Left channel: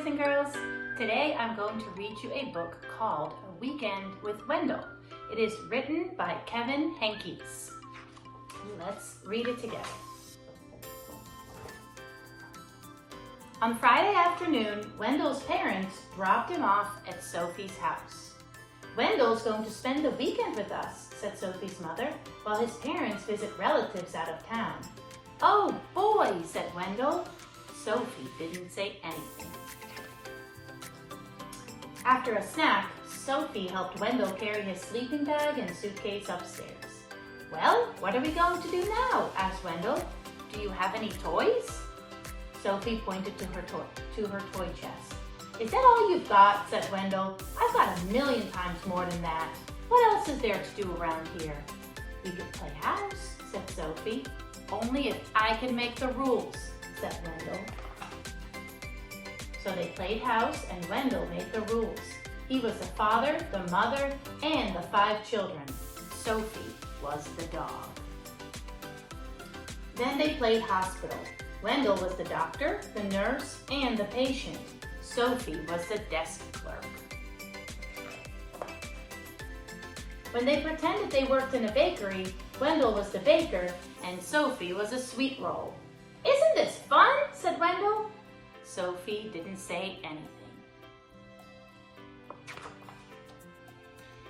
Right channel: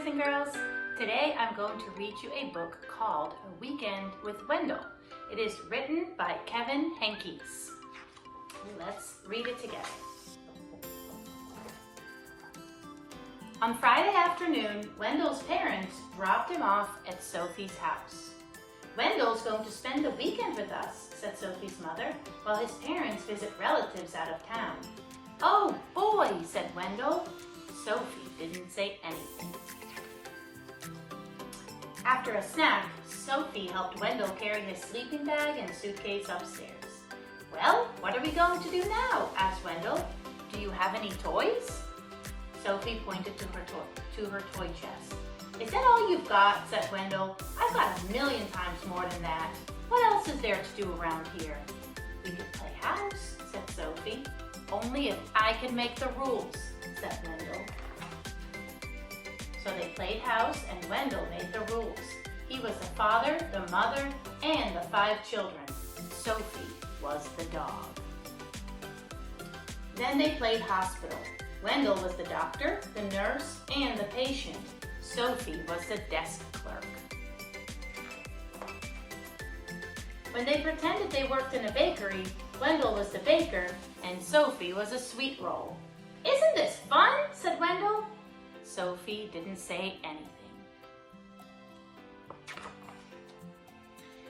boys and girls. Today I'm going to read you a book called A Weekend with Wendell. It is written by Henkes. Let's read it together. On Friday afternoon, Wendell's parents dropped him off at Sophie's house. "Wendell's going to spend the weekend with us," said Sophie's mother, while his parents visit relatives out of town. "Oh boy," said Wendell. Sophie didn't say anything. After a snack, Sophie helped Wendell carry his sleeping bag and suitcase upstairs. "Well, what are we going to do now?" asked Wendell. "Do you have any toys?" Sophie pointed to her toy chest. "Is that all you've got?" said Wendell. "I've got 1,000,000 times more than that. What else is there to do around here?" "We could play house," said Sophie. "Only if I can make the rules," said Wendell. So they played house and Wendell made the rules. He was the father, the mother, and the 5 children. Sophie was the dog. Then they played hospital. Wendell was the doctor, the nurse, and the patient. Sophie was the desk clerk. When they pretended they worked in a bakery, Wendell was the baker and Sophie was a sweet roll. "Isn't this fun?" said Wendell. Sophie didn't say anything.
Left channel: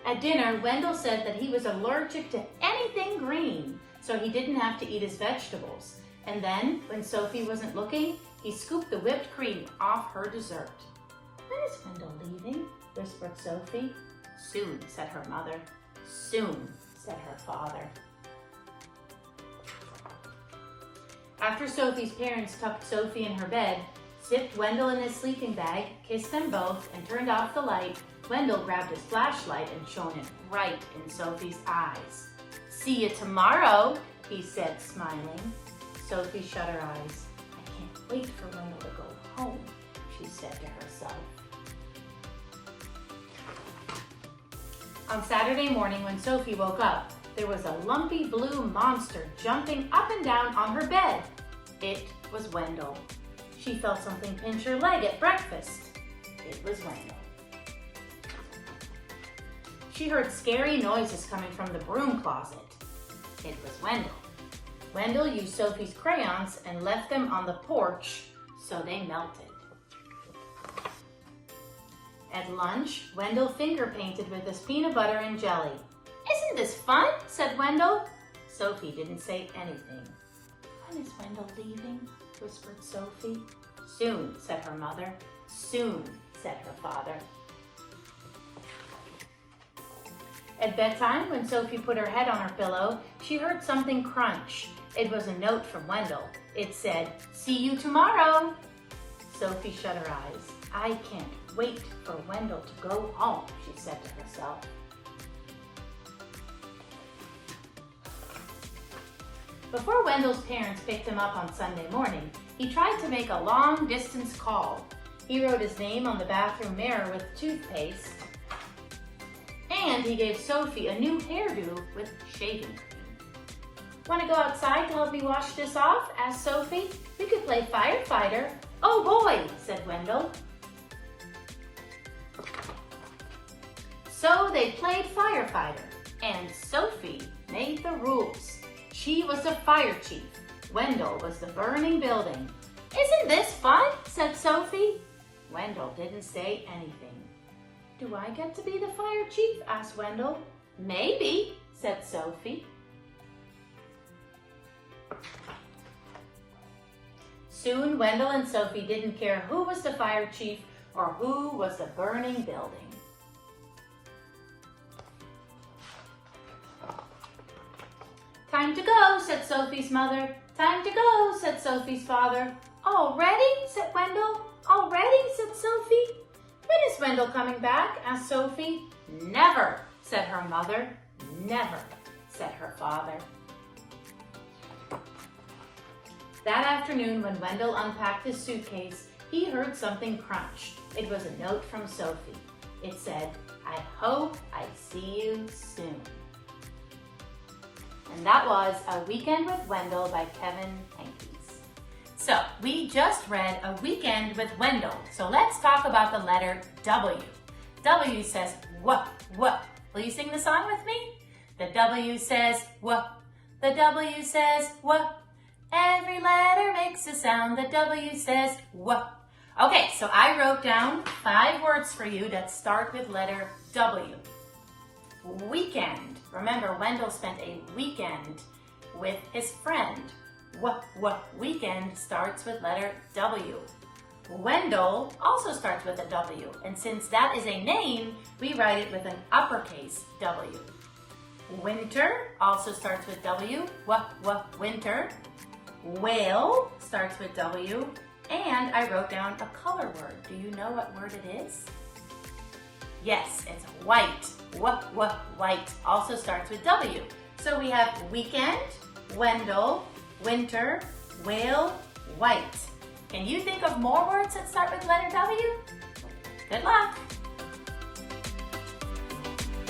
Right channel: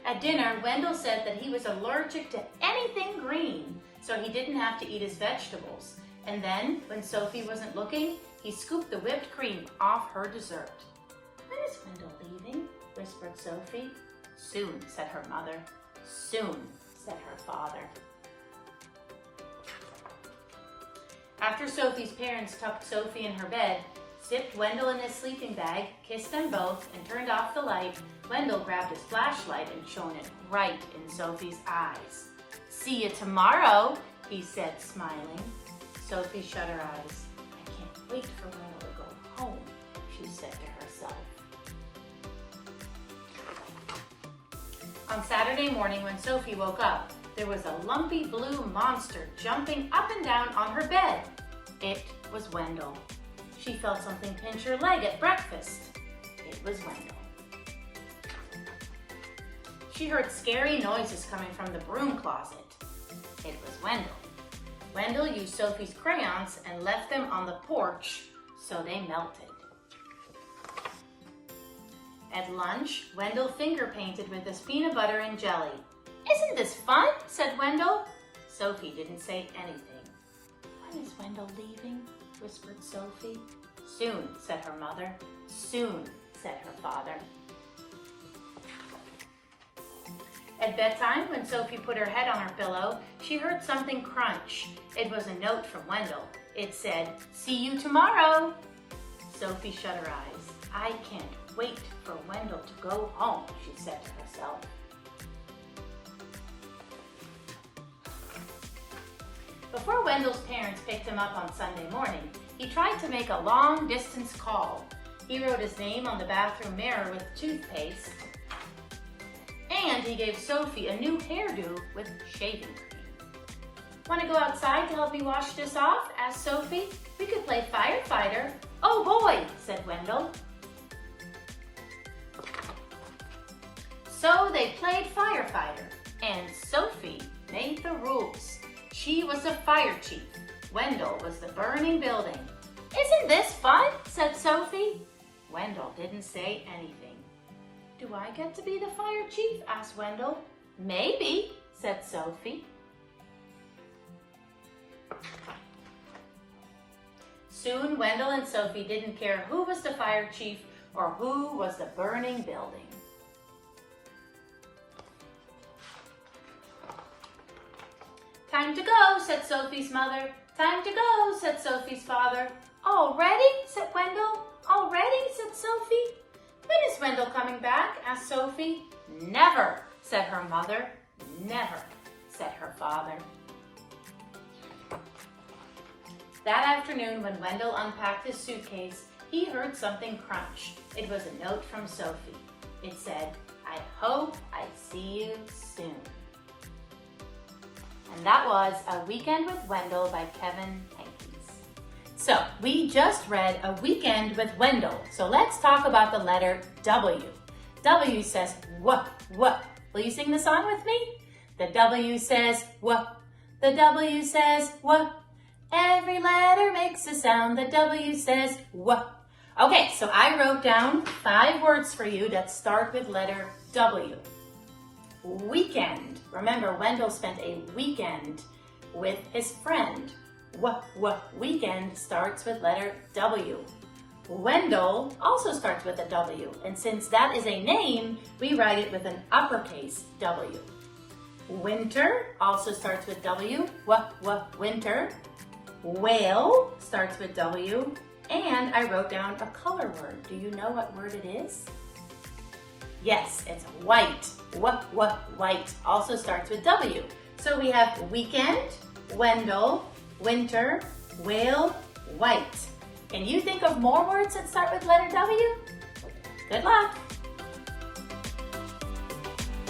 At dinner, Wendell said that he was allergic to anything green, so he didn't have to eat his vegetables. And then, when Sophie wasn't looking, he scooped the whipped cream off her dessert. "When is Wendell leaving?" whispered Sophie. "Soon," said her mother. "Soon," said her father. After Sophie's parents tucked Sophie in her bed, zipped Wendell in his sleeping bag, kissed them both, and turned off the light, Wendell grabbed his flashlight and shone it right in Sophie's eyes. "See you tomorrow," he said, smiling. Sophie shut her eyes. "I can't wait for Wendell to go home," she said to herself. On Saturday morning when Sophie woke up, there was a lumpy blue monster jumping up and down on her bed. It was Wendell. She felt something pinch her leg at breakfast. It was Wendell. She heard scary noises coming from the broom closet. It was Wendell. Wendell used Sophie's crayons and left them on the porch so they melted. At lunch, Wendell finger painted with his peanut butter and jelly. "Isn't this fun?" said Wendell. Sophie didn't say anything. "When is Wendell leaving?" whispered Sophie. "Soon," said her mother. "Soon," said her father. At bedtime, when Sophie put her head on her pillow, she heard something crunch. It was a note from Wendell. It said, "See you tomorrow." Sophie shut her eyes. "I can't wait for Wendell to go home," she said to herself. Before Wendell's parents picked him up on Sunday morning, he tried to make a long-distance call. He wrote his name on the bathroom mirror with toothpaste, and he gave Sophie a new hairdo with shaving cream. "Want to go outside to help me wash this off?" asked Sophie. "We could play firefighter." "Oh boy," said Wendell. So they played firefighter, and Sophie made the rules. She was the fire chief. Wendell was the burning building. "Isn't this fun?" said Sophie. Wendell didn't say anything. "Do I get to be the fire chief?" asked Wendell. "Maybe," said Sophie. Soon, Wendell and Sophie didn't care who was the fire chief or who was the burning building. "Time to go," said Sophie's mother. "Time to go," said Sophie's father. "Already?" said Wendell. "Already?" said Sophie. "When is Wendell coming back?" asked Sophie. "Never," said her mother. "Never," said her father. That afternoon, when Wendell unpacked his suitcase, he heard something crunch. It was a note from Sophie. It said, "I hope I see you soon." And that was A Weekend with Wendell by Henkes. So we just read A Weekend with Wendell. So let's talk about the letter W. W says what. Will you sing the song with me? The W says what. The W says what. Every letter makes a sound. The W says what. Okay, so I wrote down 5 words for you that start with letter W. Weekend. Remember, Wendell spent a weekend with his friend. Weekend starts with letter W. Wendell also starts with a W, and since that is a name, we write it with an uppercase W. Winter also starts with W. Winter. Whale starts with W. And I wrote down a color word. Do you know what word it is? Yes, it's white. White also starts with W. So we have weekend, Wendell, winter, whale, white. Can you think of more words that start with letter W? Good luck.